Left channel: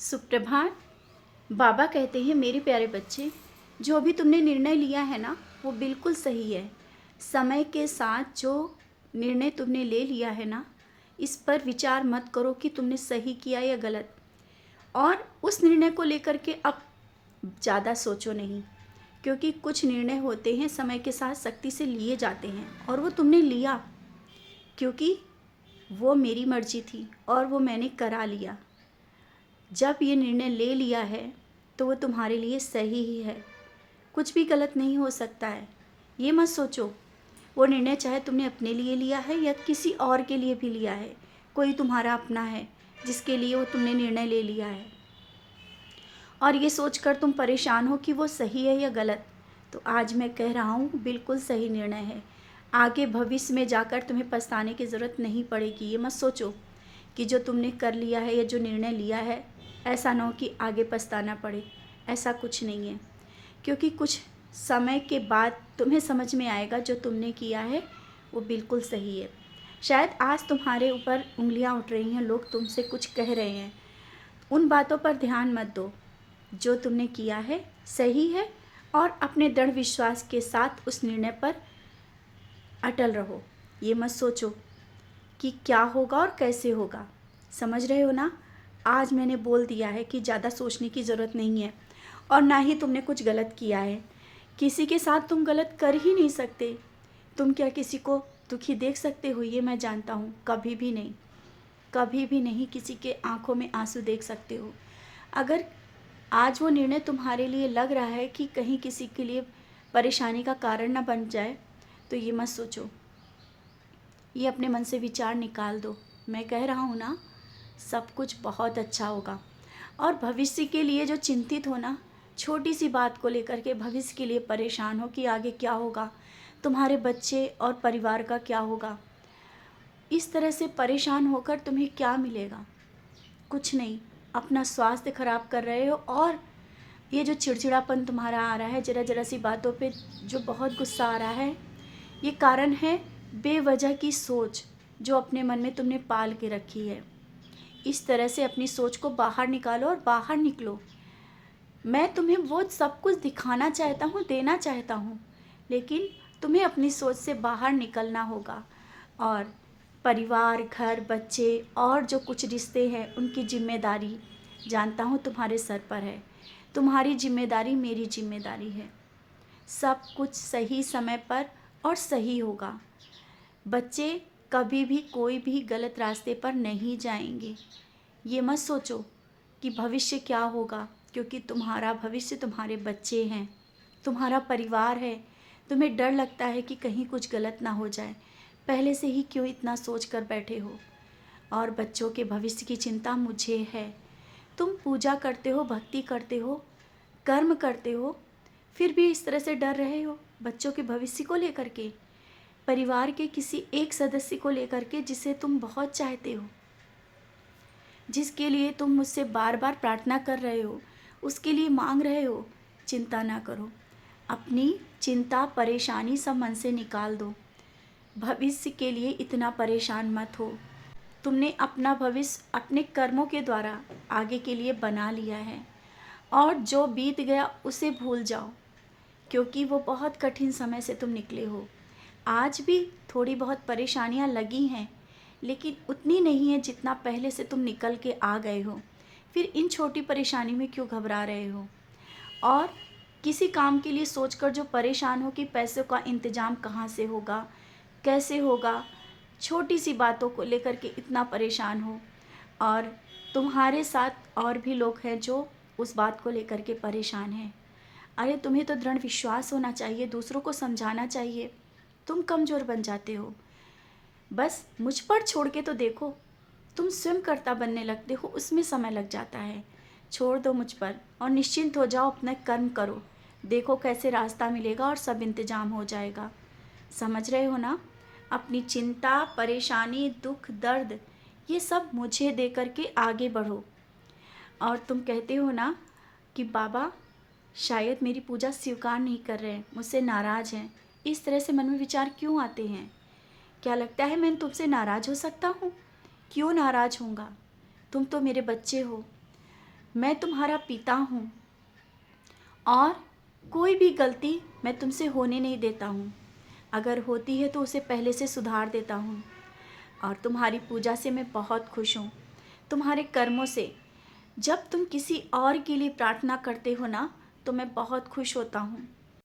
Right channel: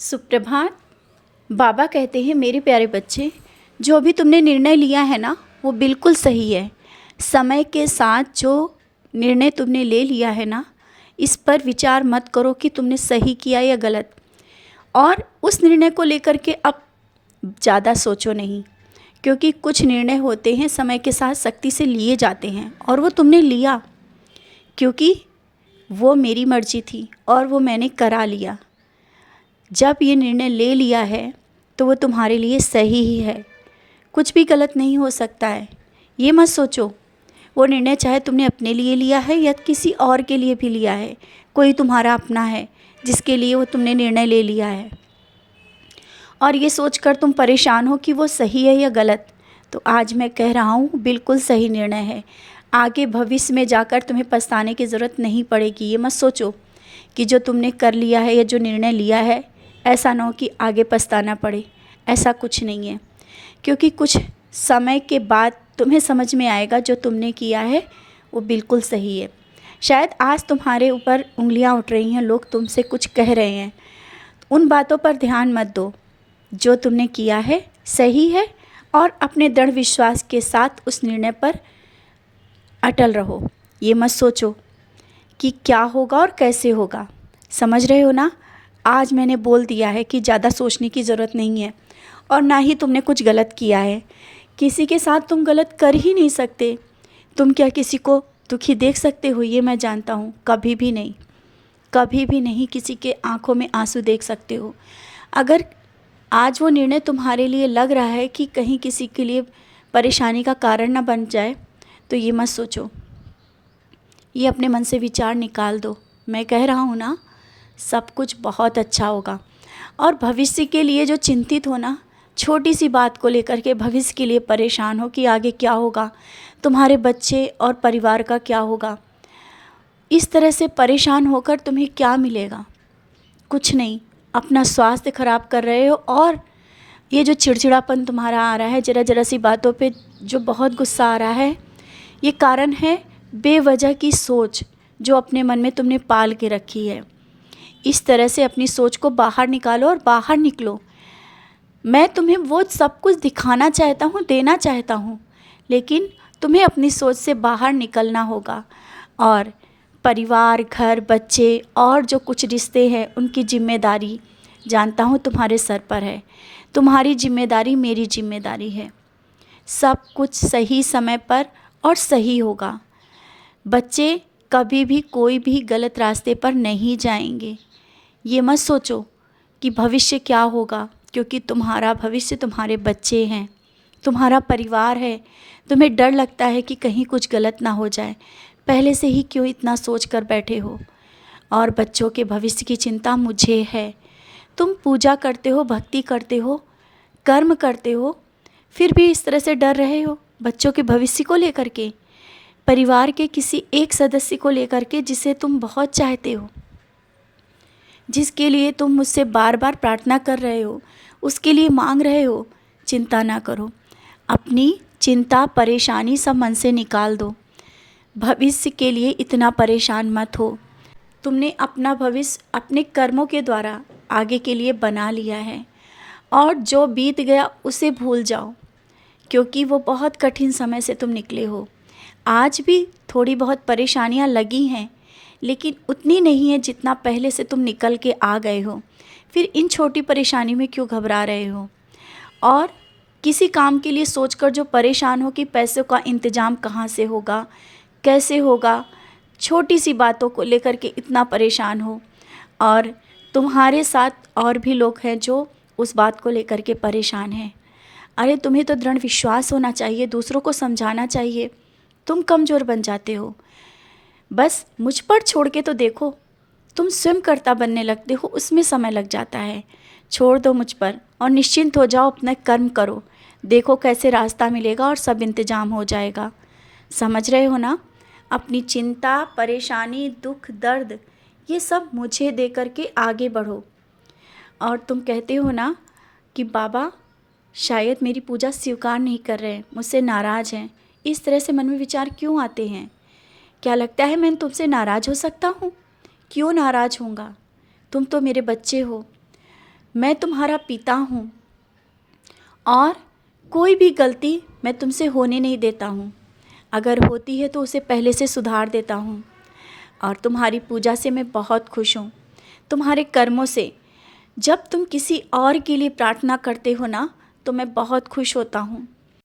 सुप्रभात। बाबा कहते हैं, मेरे प्यारे बच्चे, जो भी तुमने निर्णय लिया है ना, वो बिल्कुल सही है। समय के साथ जो निर्णय तुमने ले लिया है ना, इस पर विचार मत करो कि तुमने सही किया या गलत। और उस निर्णय को लेकर के अब ज़्यादा सोचो नहीं, क्योंकि कुछ निर्णय होते हैं समय के साथ सख्ती से लिए जाते हैं, और वो तुमने लिया क्योंकि वो मेरी मर्जी थी और वो मैंने करा लिया। जब ये निर्णय ले लिया है तो वो तुम्हारे लिए सही ही है, कुछ भी गलत नहीं हो सकता है। ये मत सोचो वो निर्णय चाहे तुमने अपने लिए लिया है या किसी और के लिए भी लिया है, कोई तुम्हारा अपना है जिसके लिए वो तुमने निर्णय ले लिया है, और ये सोचकर तुम परेशान हो कि वो सही है या गलत। तो आज मैं कह रहा हूँ बिल्कुल सही निर्णय है। आगे भविष्य में जाकर तुम्हें पछताने की ज़रूरत नहीं पड़ेगी। ये मत सोचो कि जो तुमने कर लिया है या जो निर्णय लिया है, ऐसा ना हो कि आगे पछताना पड़े। ऐसा कुछ नहीं है, क्योंकि कुछ समय के बाद तुम्हें समझ में आएगा जो तुमने किया है वो बिल्कुल सही है। शायद आज तुम्हारे ऊपर उंगलियां उठ रही हैं, लोग तुमसे कुछ कह रहे हैं, उन बातों पर ध्यान मत दो। जो तुमने किया है सही है, और अपने दृढ़ विश्वास के साथ उस निर्णय पर अटल रहो। ये मत सोचो कि क्या होगा और कैसे होगा। समझ रहे हो ना? आज मैंने बोल दिया है कि ज़्यादा सोचने की ज़रूरत नहीं है, और ना ही तुमने कुछ गलत किया है। किसी के साथ तुम गलत कर ही नहीं सकते। तुम क्या किसी को दुखी देख सकते हो? ये मैं जानता हूँ, कभी भी नहीं, कभी भी नहीं किसी के आंखों में आंसू देख सकते हो। अगर आज वो निर्णय तुम्हारे लिए लग रहा है कि कहीं किसी के लिए परेशानी का कारण ना बन जाए, तो ये मत सोचो। ये अपने मन से विचार निकाल दो। मैं कह रहा हूँ ना, सब कुछ बहुत अच्छा होगा। और भविष्य के लिए जो चिंतित हो ना, छोटी सी बात को लेकर के भविष्य के लिए परेशान हो कि आगे क्या होगा, तुम्हारे बच्चे और परिवार का क्या होगा, इस तरह से परेशान होकर तुम्हें क्या मिलेगा? कुछ नहीं। अपना स्वास्थ्य खराब कर रहे हो, और ये जो चिड़चिड़ापन तुम्हारा आ रहा है, ज़रा ज़रा सी बातों पे जो बहुत गुस्सा आ रहा है, ये कारण है बेवजह की सोच जो अपने मन में तुमने पाल के रखी है। इस तरह से अपनी सोच को बाहर निकालो और बाहर निकलो। मैं तुम्हें वो सब कुछ दिखाना चाहता हूँ, देना चाहता हूँ, लेकिन तुम्हें अपनी सोच से बाहर निकलना होगा। और परिवार, घर, बच्चे और जो कुछ रिश्ते हैं, उनकी जिम्मेदारी जानता हूँ तुम्हारे सर पर है। तुम्हारी जिम्मेदारी मेरी जिम्मेदारी है। सब कुछ सही समय पर और सही होगा। बच्चे कभी भी कोई भी गलत रास्ते पर नहीं जाएंगे। ये मत सोचो कि भविष्य क्या होगा, क्योंकि तुम्हारा भविष्य तुम्हारे बच्चे हैं, तुम्हारा परिवार है। तुम्हें डर लगता है कि कहीं कुछ गलत ना हो जाए। पहले से ही क्यों इतना सोच कर बैठे हो? और बच्चों के भविष्य की चिंता मुझे है। तुम पूजा करते हो, भक्ति करते हो, कर्म करते हो, फिर भी इस तरह से डर रहे हो बच्चों के भविष्य को लेकर के, परिवार के किसी एक सदस्य को लेकर के जिसे तुम बहुत चाहते हो, जिसके लिए तुम मुझसे बार बार प्रार्थना कर रहे हो, उसके लिए मांग रहे हो। चिंता ना करो। अपनी चिंता, परेशानी सब मन से निकाल दो। भविष्य के लिए इतना परेशान मत हो। तुमने अपना भविष्य अपने कर्मों के द्वारा आगे के लिए बना लिया है, और जो बीत गया उसे भूल जाओ, क्योंकि वो बहुत कठिन समय से तुम निकले हो। आज भी थोड़ी बहुत परेशानियां लगी हैं, लेकिन उतनी नहीं है जितना पहले से तुम निकल के आ गए हो। फिर इन छोटी परेशानी में क्यों घबरा रहे हो? और किसी काम के लिए सोचकर जो परेशान हो कि पैसों का इंतज़ाम कहाँ से होगा, कैसे होगा, छोटी सी बातों को लेकर के इतना परेशान हो। और तुम्हारे साथ और भी लोग हैं जो उस बात को लेकर के परेशान हैं। अरे तुम्हें तो दृढ़ विश्वास होना चाहिए, दूसरों को समझाना चाहिए। तुम कमज़ोर बन जाते हो। बस मुझ पर छोड़ के तो देखो, तुम स्वयं कर्ता बनने लगते हो, उसमें समय लग जाता है। छोड़ दो मुझ पर और निश्चिंत हो जाओ, अपना कर्म करो। देखो कैसे रास्ता मिलेगा और सब इंतजाम हो जाएगा। समझ रहे हो ना? अपनी चिंता, परेशानी, दुख, दर्द, ये सब मुझे दे कर के आगे बढ़ो। और तुम कहते हो ना कि बाबा शायद मेरी पूजा स्वीकार नहीं कर रहे हैं, मुझसे नाराज़ हैं। इस तरह से मन में विचार क्यों आते हैं? क्या लगता है मैं तुमसे नाराज़ हो सकता हूँ? क्यों नाराज़ होऊंगा? तुम तो मेरे बच्चे हो। मैं तुम्हारा पिता हूँ और कोई भी गलती मैं तुमसे होने नहीं देता हूँ। अगर होती है तो उसे पहले से सुधार देता हूँ। और तुम्हारी पूजा से मैं बहुत खुश हूँ, तुम्हारे कर्मों से। जब तुम किसी और के लिए प्रार्थना करते हो ना, तो मैं बहुत खुश होता हूँ।